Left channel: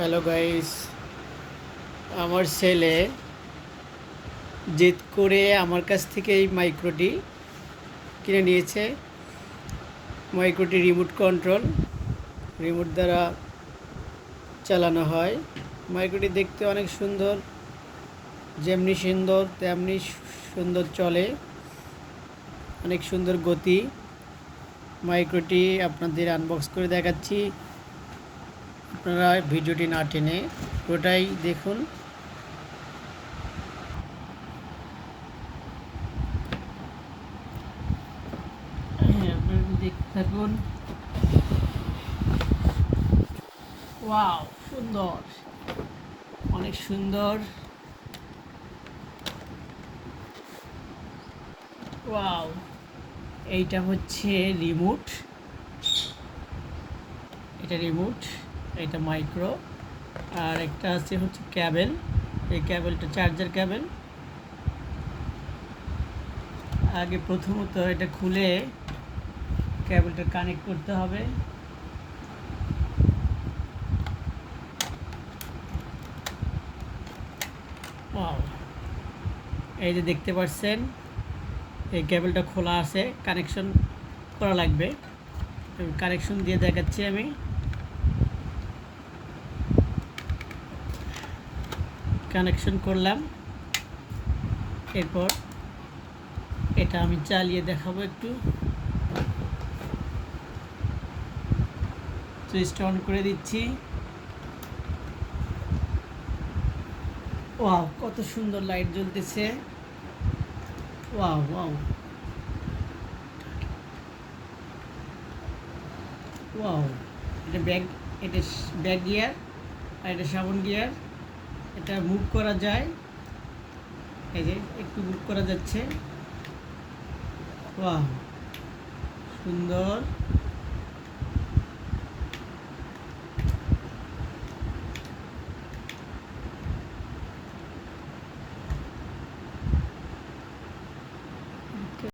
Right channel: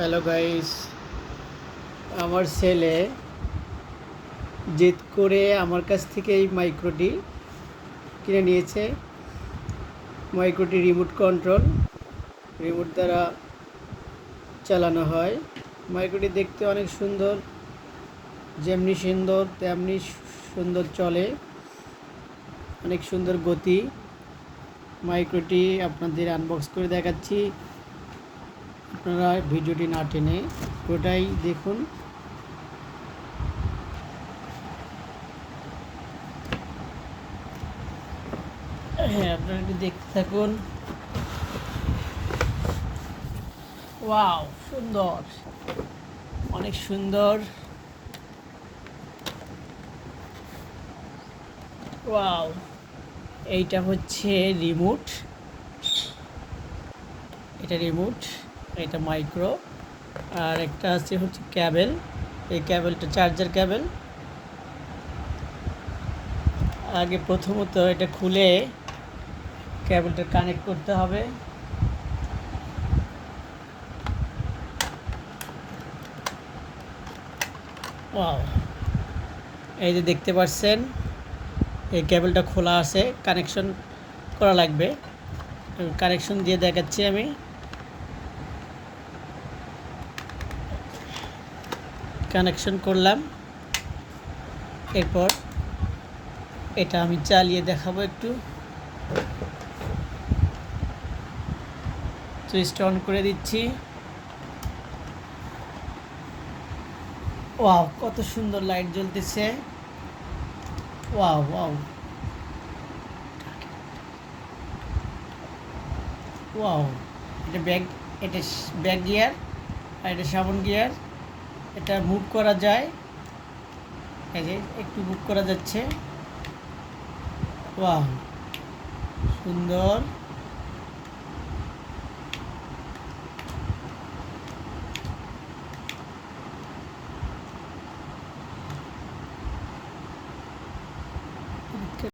Hello guys, আমার ছেলে জেদ করে আমার কাছ থেকে এই মাইক্রোটি কিনে নিয়েছে। মাইক্রোটি রিমোট কন্ট্রোল, রিমোট দ্বারা চালানো হয়। মাইক্রোটি দেখতে অনেক সুন্দর, যেমনি সুন্দর তেমনি সুন্দর চলে, অনেক সুন্দর গতি। মাইক্রোটি আপনাদের আনবক্স করে দেখাচ্ছি, আপনারা ভিডিওটি না টেনে পুরোটাই দেখুন। হ্যাঁ, আপনারা একটু দেখতে থাকুন। ওয়াও, সুন্দর, অনেক সুন্দর। ওয়াও, এইটা হচ্ছে রিমোট, এটা মাইক্রো। আর একটা আছে হচ্ছে ক্যাবেল, এই ক্যাবেলটা চার্জার ক্যাবেল। আগে প্রথমত এটা খুলে ক্যাবেলটা কানেক্ট করতে হবে। ওয়াও, এই যে দেখতে পাচ্ছেন, এই কেবলটা খোলা আছে, কানেকশন করা লাগবে। কানেকশন দিয়ে দেখাচ্ছি আমি। কানেকশন করলাম, এরপর এটা আমি চালিয়ে দেখাবো একটু। সুইচটা অন করে দিচ্ছি। ওয়াও, কত সুন্দর লাইট জ্বলতেছে। ওয়াও ওয়াও ওয়াও, এটা ব্যাক গিয়ার, আর এটা সামন গিয়ার। এটা মুভ করা যায়, এই যে একটু মুভ করা যাচ্ছে। ওয়াও, সুন্দর।